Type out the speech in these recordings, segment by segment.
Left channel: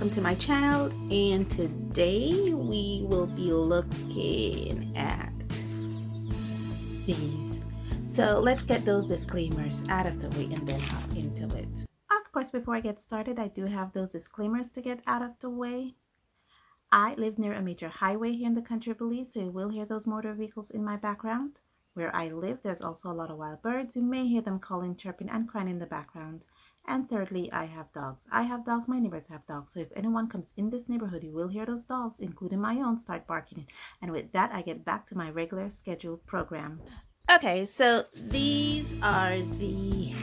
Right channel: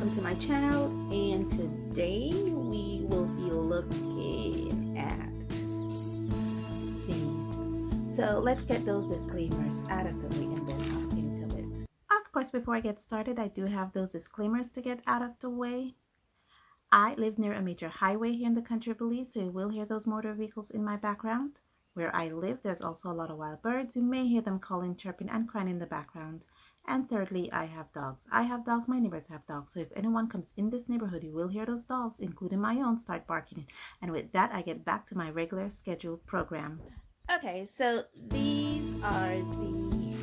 welcome to my channel, and today we will be looking at these. So let's get those disclaimers out of the way and then hop into it. Of course, before I get started, I do have those disclaimers to get out of the way. I live near a major highway here in the country of Belize, so you will hear those motor vehicles in my background. Where I live, there's also a lot of wild birds. You may hear them calling, chirping, and crying in the background. And thirdly, I have dogs. I have dogs, my neighbors have dogs. So if anyone comes in this neighborhood, you will hear those dogs, including my own, start barking. And with that, I get back to my regular scheduled program. Okay, so these are the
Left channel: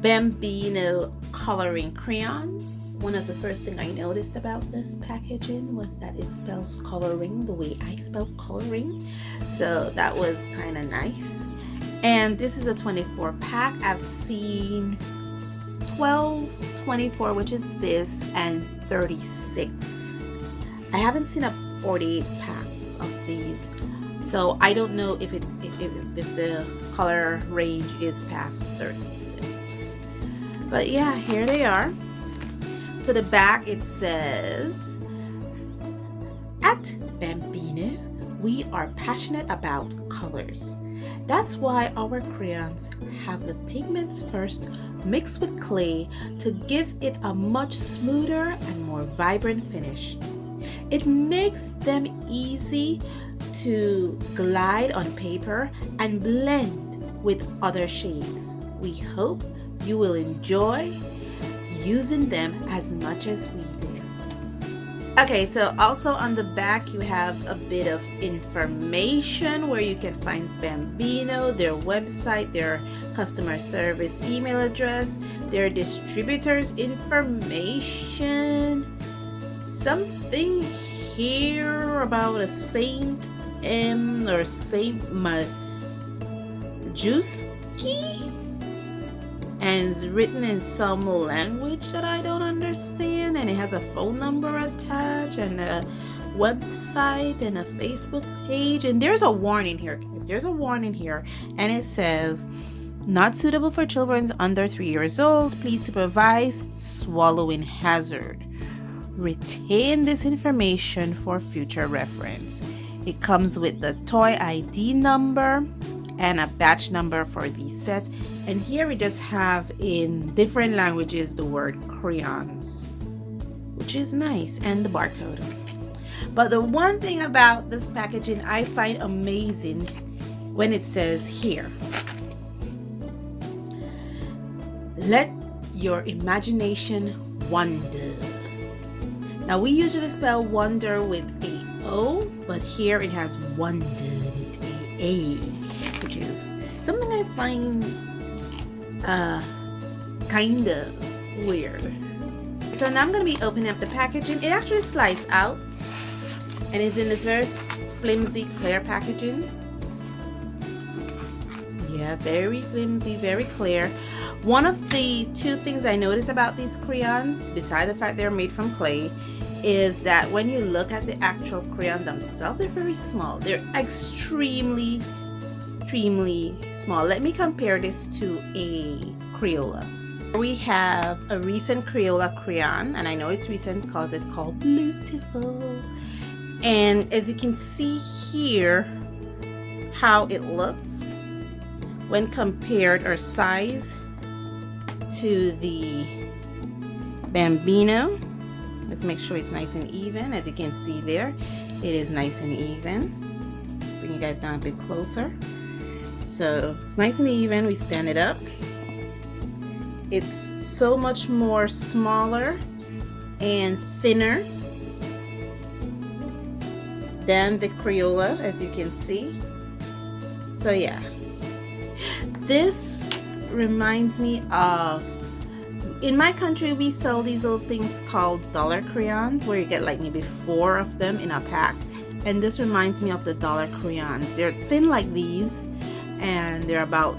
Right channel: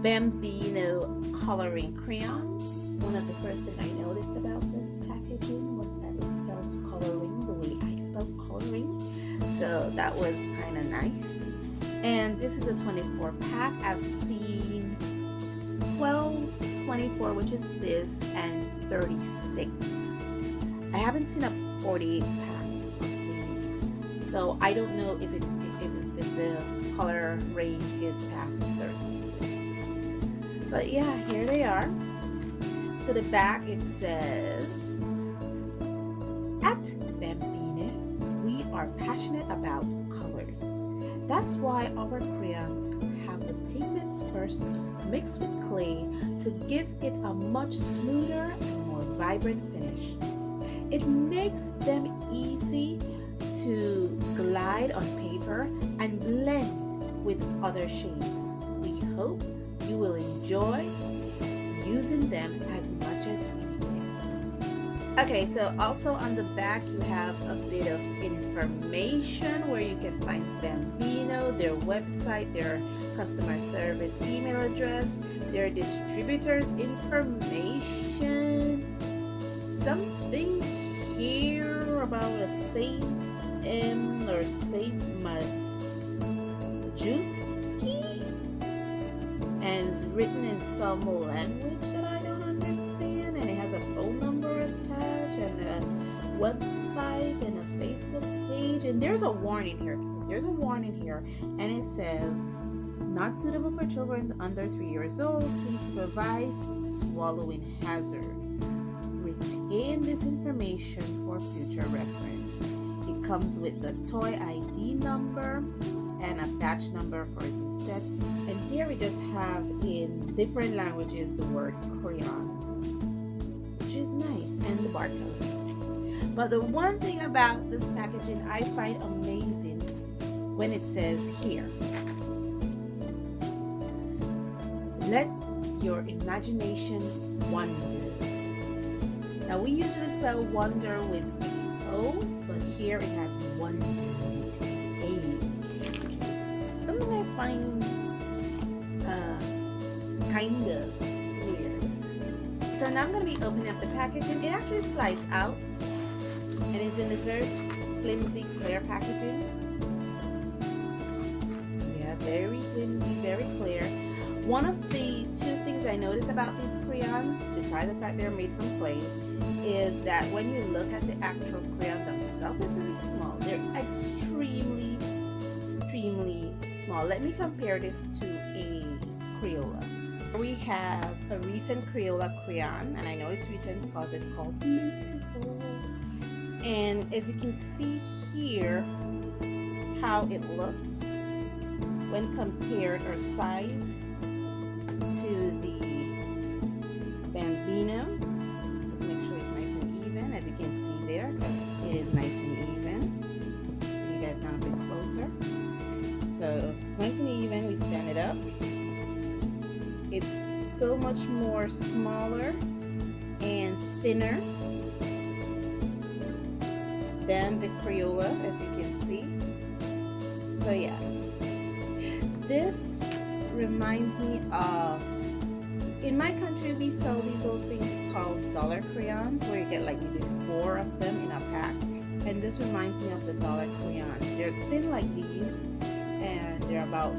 Bambino Coloring Crayons. One of the first things I noticed about this packaging was that it spells coloring the way I spell coloring. So that was kind of nice. And this is a 24 pack. I've seen 12, 24, which is this, and 36. I haven't seen a 48 packs of these. So I don't know if the color range is past 36. But yeah, here they are. To the back it says, "At Bambino, we are passionate about colors. That's why our crayons have the pigments first mixed with clay to give it a much smoother and more vibrant finish. It makes them easy to glide on paper and blend with other shades. We hope you will enjoy using them as much as we do." Okay, so also on the back you have a bit of information where you can find Bambino, their website, their customer service email address, their distributors information, something here about a Saint M or Saint Majewski, and it's written in some language that I don't understand, and it has a phone number attached and a website and a Facebook page, and there's a warning here, guys. There's a warning here, and it says, "Not suitable for children under 3 years old. Please supervise swallowing hazard. Retain this information for future reference." It comes with the toy ID number and a batch number for these sets. And here we just have in different languages the word crayons, which is nice, and the barcode. But the one thing about this packaging I find amazing when it says here, "Let your imagination wander." Now we usually spell wonder with a O, but here it has wonder with a, which is something I find kind of weird. So now I'm going to be opening up the packaging. It actually slides out, and it's in this very flimsy clear packaging. Yeah, very flimsy, very clear. One of the two things I notice about these crayons, besides the fact they're made from clay, is that when you look at the actual crayon themselves, they're very small. They're extremely small. Let me compare this to a Crayola. We have a recent Crayola crayon, and I know it's recent because it's called Beautiful. And as you can see here, how it looks when compared or size to the Bambino. Let's make sure it's nice and even. As you can see there, it is nice and even. Bring you guys down a bit closer. So it's nice and even. We stand it up. It's so much more smaller and thinner than the Crayola, as you can see. So yeah, this reminds me of, in my country we sell these little things called dollar crayons, where you get like maybe 4 of them in a pack, and this reminds me of the dollar crayons. They're thin like these, and they're about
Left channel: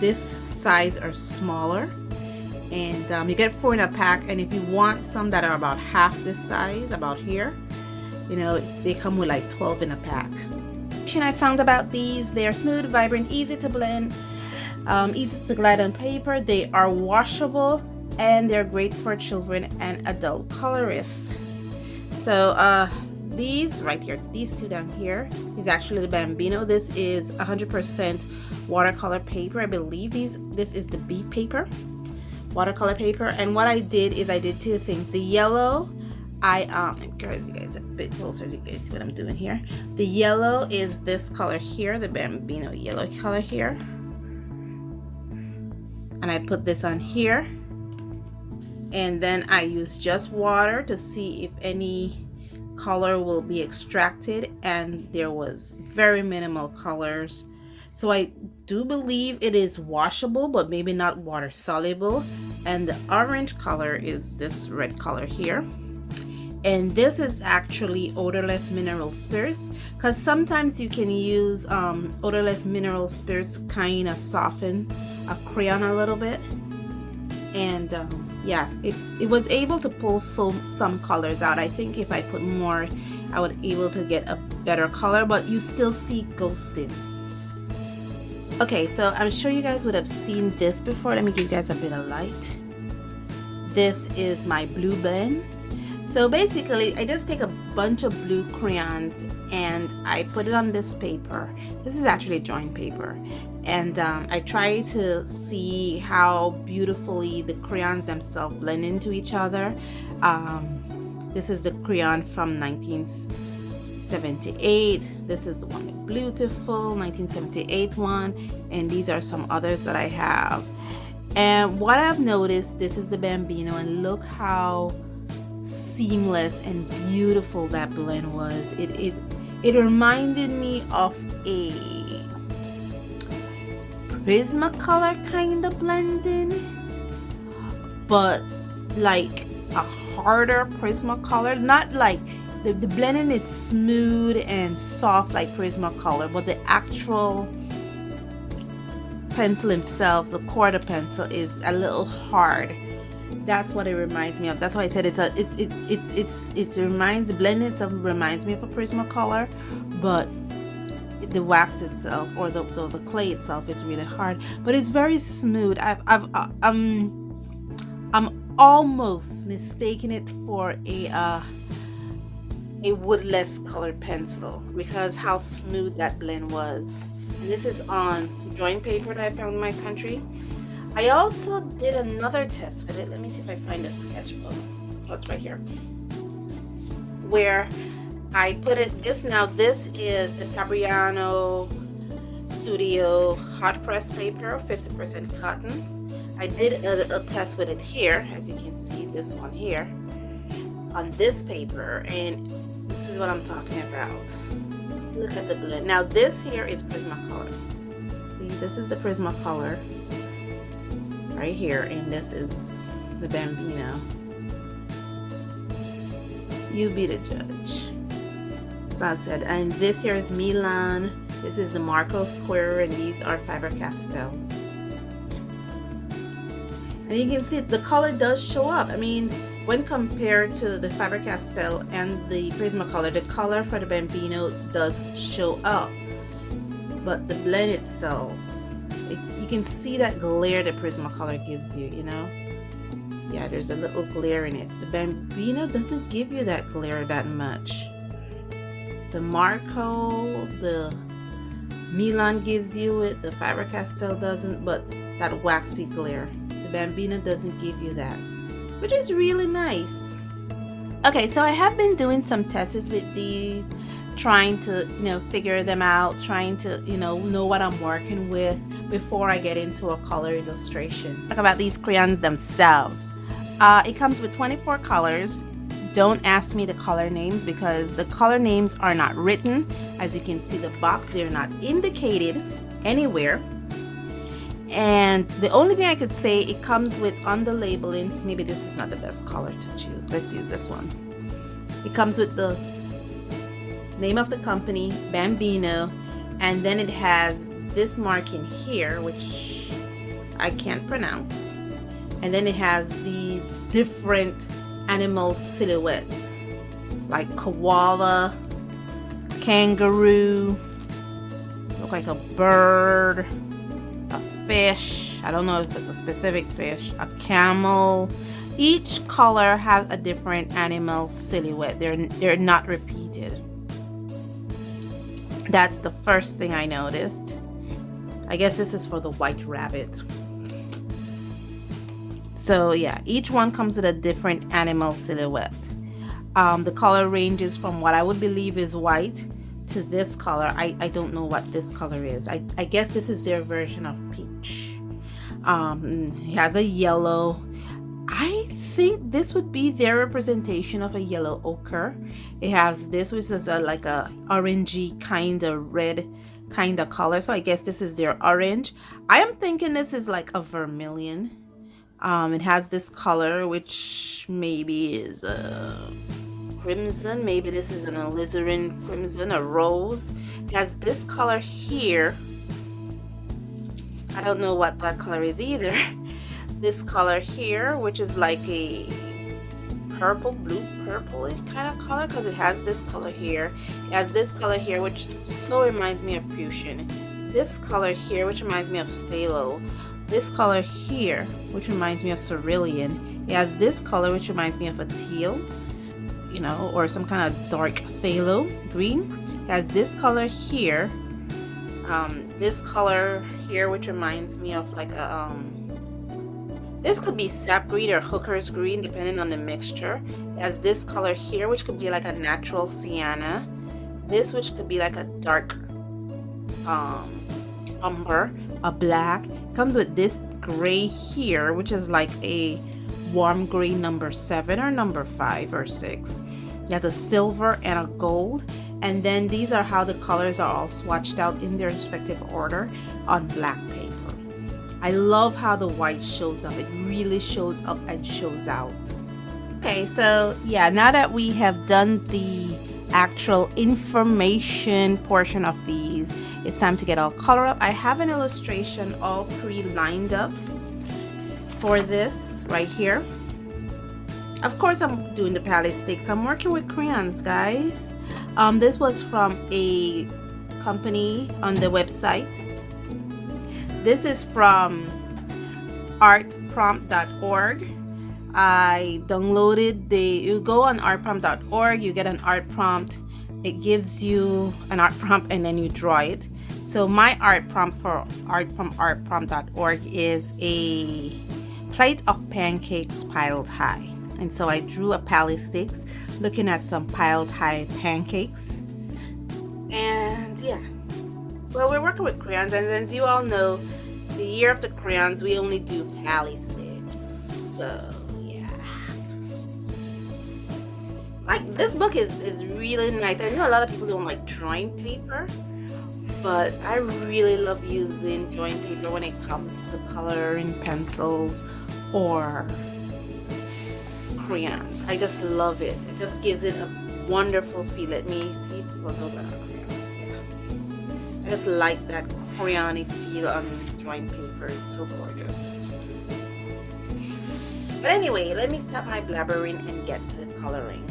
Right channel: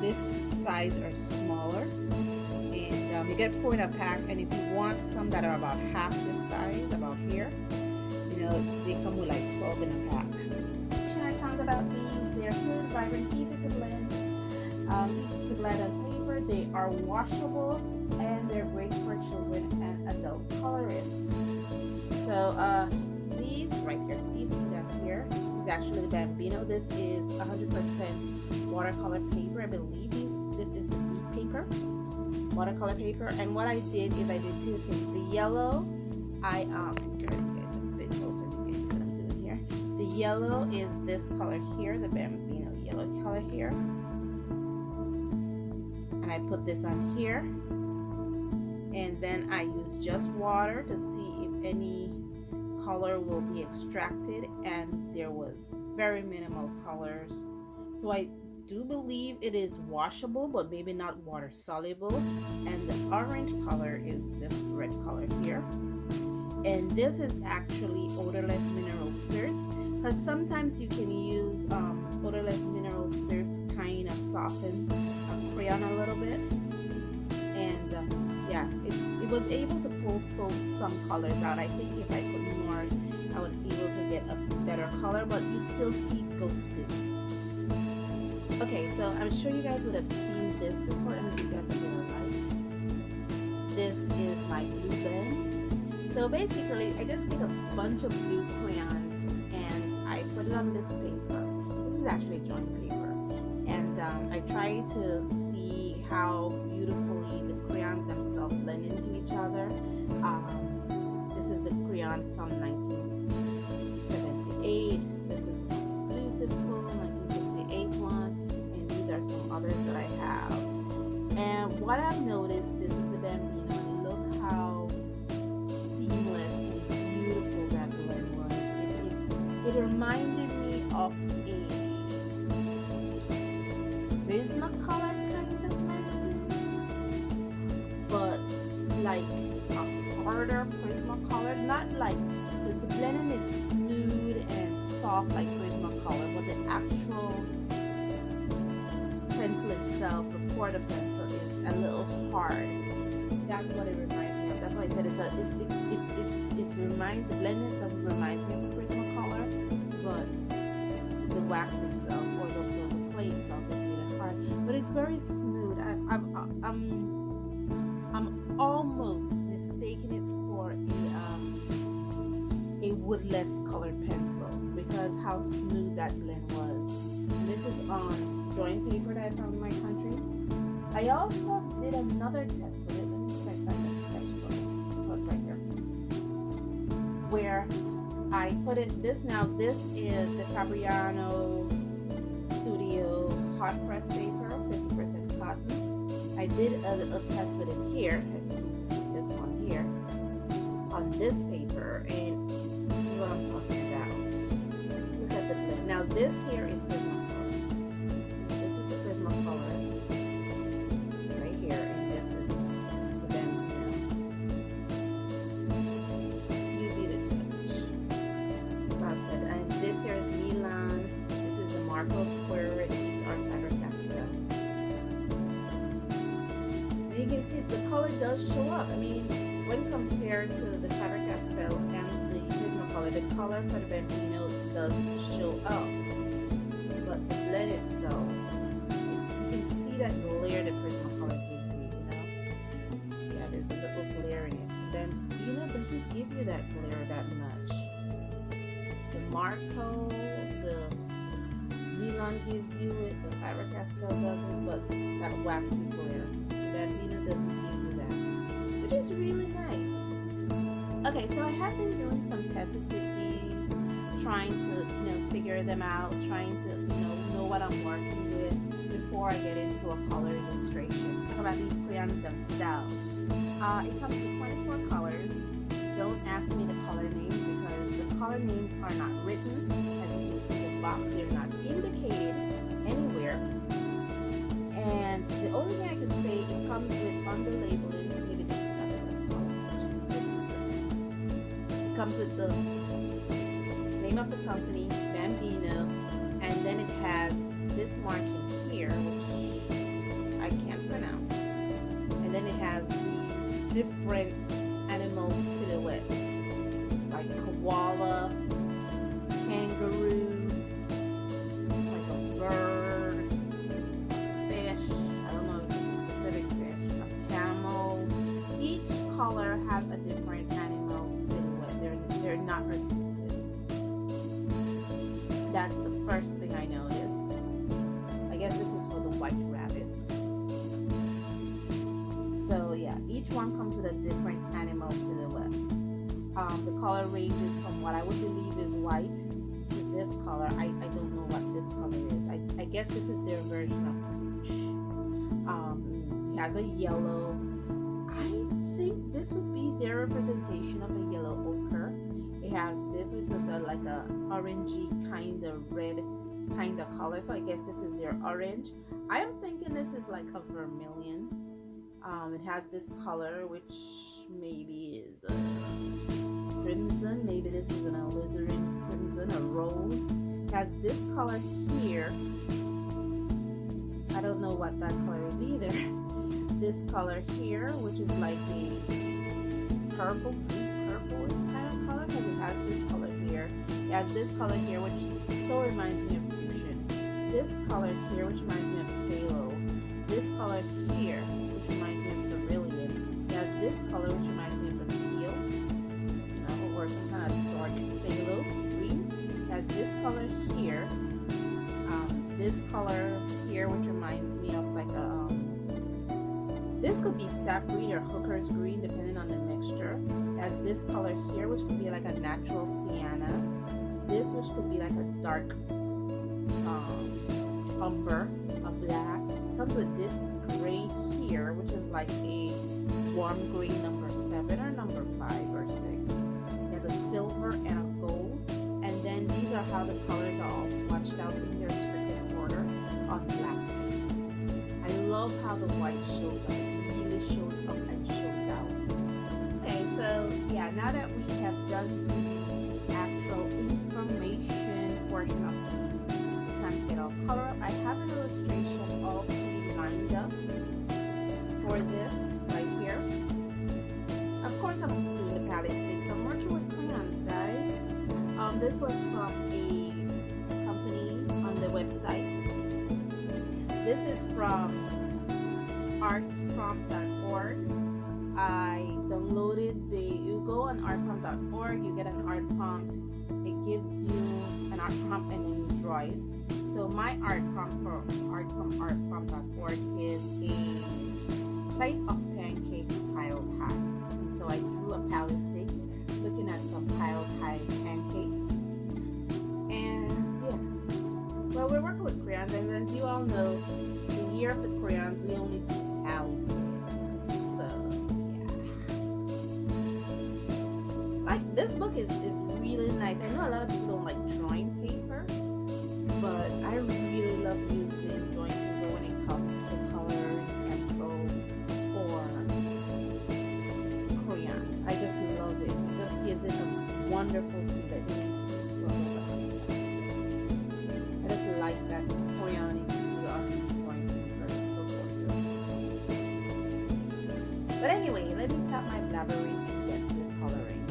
this size or smaller, and you get 4 in a pack. And if you want some that are about half this size, about here, you know, they come with like 12 in a pack. I found about these, they are smooth, vibrant, easy to blend, easy to glide on paper. They are washable and they're great for children and adult colorists. So these right here, these two down here is actually the Bambino. This is 100% watercolor paper. I believe this is the B paper, watercolor paper. And what I did is I did two things. The yellow, I encourage you guys a bit closer so you guys see what I'm doing here. The yellow is this color here, the Bambino yellow color here, and I put this on here, and then I use just water to see if any color will be extracted, and there was very minimal colors. So I do believe it is washable, but maybe not water soluble. And the orange color is this red color here, and this is actually odorless mineral spirits, because sometimes you can use odorless mineral spirits kind of soften a crayon a little bit. And yeah, it was able to pull some colors out. I think if I put more, I would able to get a better color, but you still see ghosted. Okay, so I'm sure you guys would have seen this before. Let me give you guys a bit of light. This is my blue blend. So basically, I just take a bunch of blue crayons and I put it on this paper. This is actually joint paper. And I try to see how beautifully the crayons themselves blend into each other. This is the crayon from 1978. This is the one with Beautiful, 1978 one. And these are some others that I have. And what I've noticed, this is the Bambino, and look how seamless and beautiful that blend was. It reminded me of a Prismacolor kind of blending, but like a harder Prismacolor. Not like the blending is smooth and soft like Prismacolor, but the actual pencil himself, the quarter pencil, is a little hard. That's what it reminds me of. That's why I said the blending itself reminds me of a Prismacolor, but the wax itself or the clay itself is really hard, but it's very smooth. I'm almost mistaking it for a woodless colored pencil because how smooth that blend was. And this is on drawing paper that I found in my country. I also did another test with it. Let me see if I find a sketchbook. Oh, it's right here. Where I put it, this is the Fabriano Studio hot press paper, 50% cotton. I did a test with it here, as you can see, this one here, on this paper, and this is what I'm talking about. Look at the blend. Now this here is Prismacolor. See, this is the Prismacolor right here, and this is the Bambino. You be the judge. As I said, and this here is Milan. This is the Marco Square, and these are Faber-Castells. And you can see the color does show up. I mean, when compared to the Faber-Castell and the Prismacolor, the color for the Bambino does show up, but the blend itself, you can see that glare the Prismacolor gives you, you know? Yeah, there's a little glare in it. The Bambino doesn't give you that glare that much. The Marco, the Milan gives you it, the Faber-Castell doesn't, but that waxy glare. The Bambino doesn't give you that, which is really nice. Okay, so I have been doing some tests with these, trying to, figure them out, trying to, know what I'm working with before I get into a color illustration. Talk about these crayons themselves. It comes with 24 colors. Don't ask me the color names because the color names are not written. As you can see the box, they're not indicated anywhere. And the only thing I could say, it comes with on the labeling, maybe this is not the best color to choose. Let's use this one. It comes with the name of the company, Bambino, and then it has this marking here, which I can't pronounce. And then it has these different animal silhouettes like koala, kangaroo, look like a bird, a fish, I don't know if it's a specific fish, a camel. Each color has a different animal silhouette. They're not repeated. That's the first thing I noticed. I guess this is for the white rabbit. So yeah, each one comes with a different animal silhouette. The color ranges from what I would believe is white to this color. I don't know what this color is. I guess this is their version of peach. It has a yellow. I think this would be their representation of a yellow ochre. It has this, which is like a orangey kind of red kind of color. So I guess this is their orange. I am thinking this is like a vermilion. It has this color, which maybe is a crimson. Maybe this is an alizarin crimson, a rose. It has this color here. I don't know what that color is either. This color here, which is like a purple, blue purple kind of color, because it has this color here. It has this color here, which so reminds me of Fuchsia. This color here, which reminds me of phthalo. This color here, which reminds me of cerulean. It has this color, which reminds me of a teal, you know, or some kind of dark phthalo green. It has this color here. This color here, which reminds me of like a this could be sap green or hooker's green, depending on the mixture. It has this color here, which could be like a natural sienna. This, which could be like a dark umber, a black. It comes with this gray here, which is like a warm gray number 7 or number 5 or 6. It has a silver and a gold. And then these are how the colors are all swatched out in their respective order on black paper. I love how the white shows up. It really shows up and shows out. Okay, so yeah, now that we have done the actual information portion of these, it's time to get all color up. I have an illustration all pre-lined up for this right here. Of course, I'm doing the palette sticks. I'm working with crayons, guys. This was from a company on the website. This is from artprompt.org. I downloaded you go on artprompt.org, you get an art prompt. It gives you an art prompt and then you draw it. So my art prompt for art from artprompt.org is a plate of pancakes piled high. And so I drew a palette sticks looking at some piled high pancakes. And yeah, well, we're working with crayons, and as you all know, the year of the crayons, we only do palette sticks. So yeah, like this book is really nice. I know a lot of people don't like drawing paper, but I really love using drawing paper when it comes to coloring pencils or crayons. I just love it. It just gives it a wonderful feel. Let me see. Well, those are crayons. Yeah. I just like that crayony feel on drawing paper. It's so gorgeous. But anyway, let me stop my blabbering and get to the coloring.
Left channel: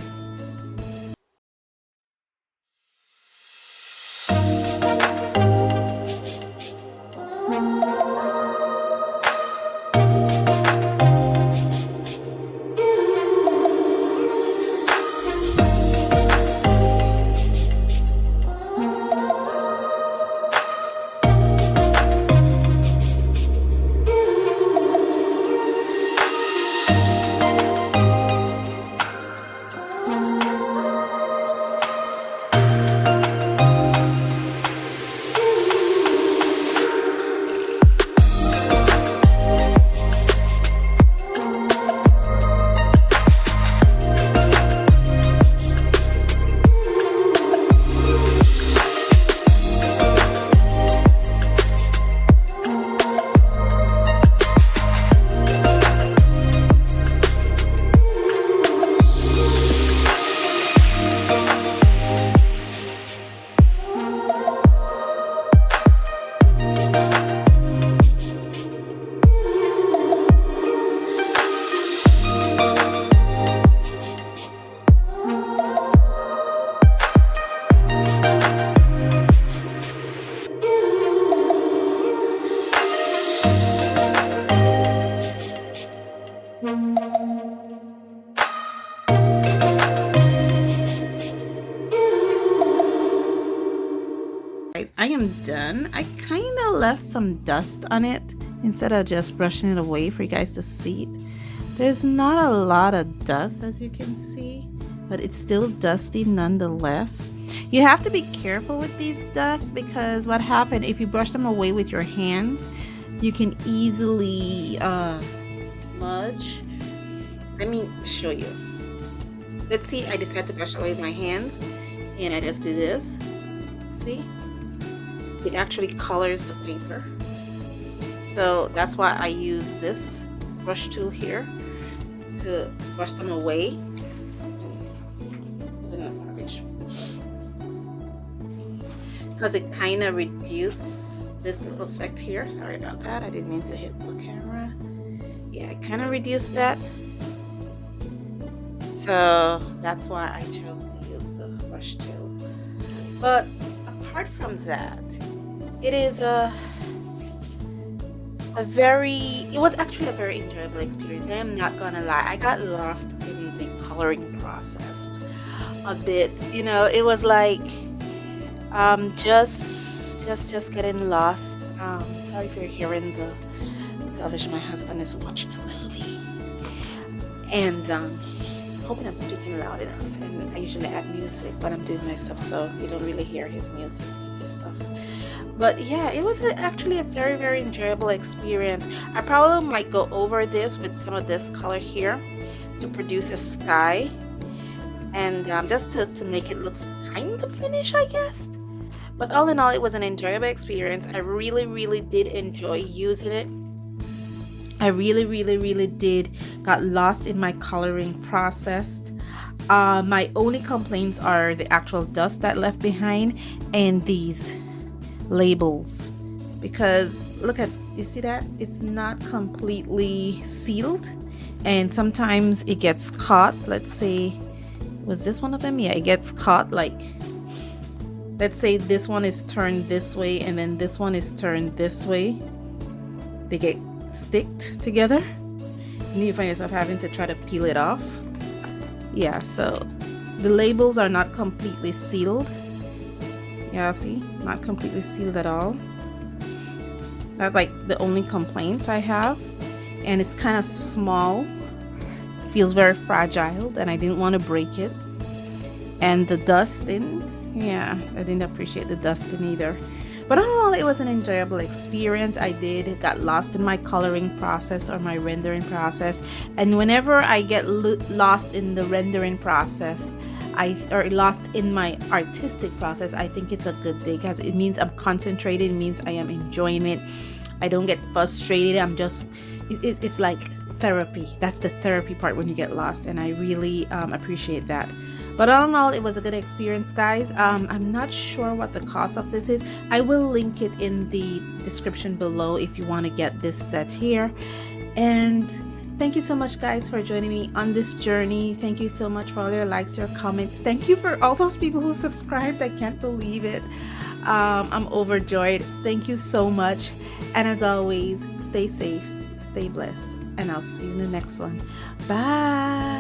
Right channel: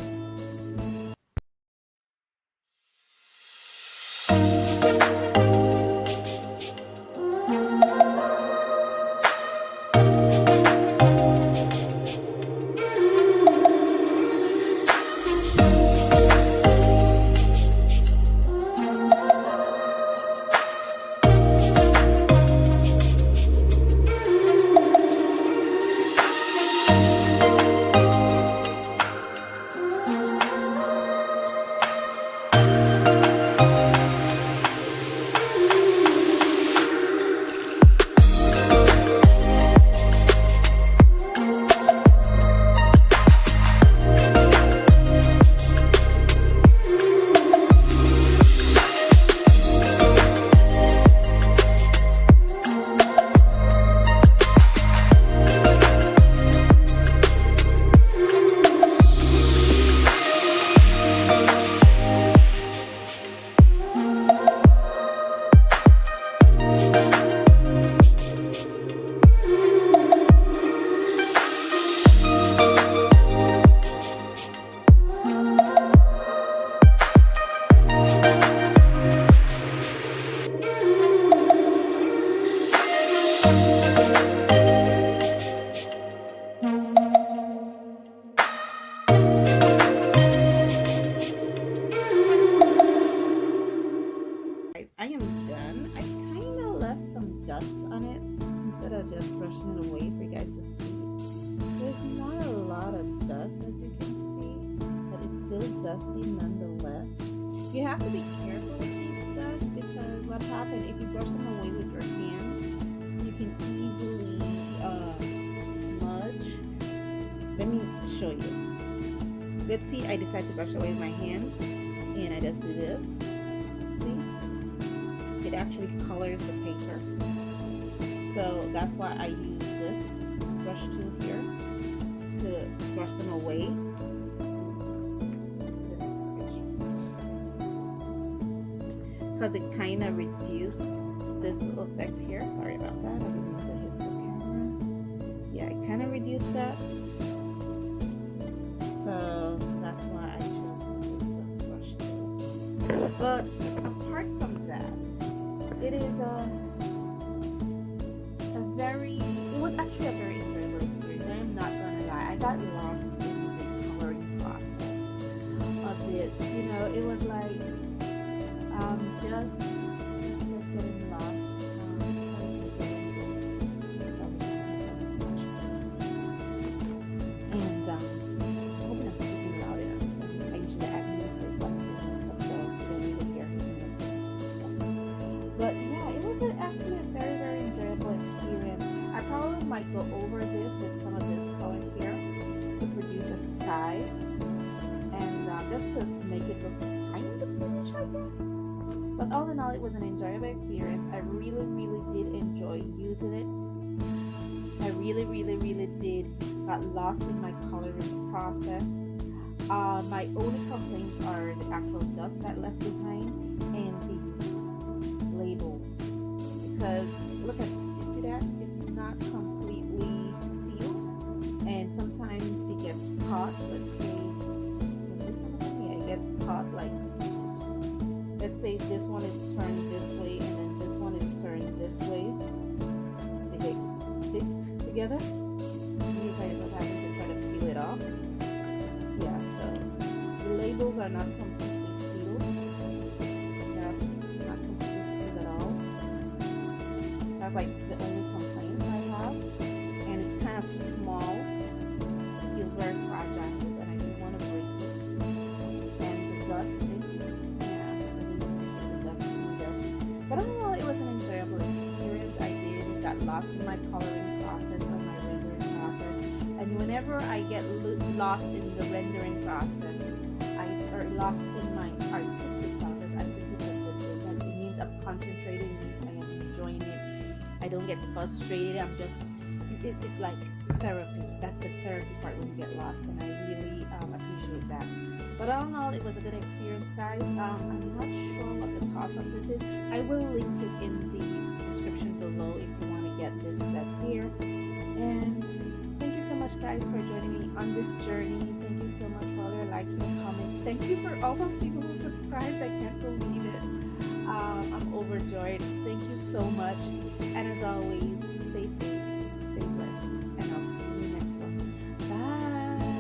guys, I am done. I kind of left some dust on it instead of just brushing it away for you guys to see it. There's not a lot of dust, as you can see, but it's still dusty nonetheless. You have to be careful with these dusts because what happens if you brush them away with your hands, you can easily smudge. Let me show you. Let's see, I decided to brush away with my hands and I just do this. See? It actually colors the paper. So that's why I use this brush tool here to brush them away. Because it kind of reduces this little effect here. Sorry about that. I didn't mean to hit the camera. Yeah, it kind of reduced that. So that's why I chose to use the brush tool. But apart from that, it is it was actually a very enjoyable experience. I am not gonna lie, I got lost in the coloring process a bit. You know, it was like just getting lost. Sorry if you're hearing the television. My husband is watching a movie, and hoping I'm speaking loud enough. And I usually add music when I'm doing my stuff, so you don't really hear his music stuff. But yeah, it was actually a very, very enjoyable experience. I probably might go over this with some of this color here to produce a sky, and just to make it look kind of finished, I guess. But all in all, it was an enjoyable experience. I really, really did enjoy using it. I really, really, really did got lost in my coloring process. My only complaints are the actual dust that left behind and these labels, because look at, you see that it's not completely sealed and sometimes it gets caught. Let's say, was this one of them? Yeah, it gets caught. Like, let's say this one is turned this way and then this one is turned this way, they get sticked together and you find yourself having to try to peel it off. Yeah, so the labels are not completely sealed. Yeah, see, not completely sealed at all. That's like the only complaints I have. And it's kind of small, it feels very fragile, and I didn't want to break it. And the dusting, yeah, I didn't appreciate the dusting either. But overall, it was an enjoyable experience. I got lost in my coloring process or my rendering process. And whenever I get lost in the rendering process, or lost in my artistic process, I think it's a good thing because it means I'm concentrated. It means I am enjoying it. I don't get frustrated. I'm just, it's like therapy. That's the therapy part when you get lost, and I really appreciate that. But all in all, it was a good experience, guys. I'm not sure what the cost of this is. I will link it in the description below if you want to get this set here. And thank you so much, guys, for joining me on this journey. Thank you so much for all your likes, your comments. Thank you for all those people who subscribed. I can't believe it. I'm overjoyed. Thank you so much. And as always, stay safe, stay blessed, and I'll see you in the next one. Bye.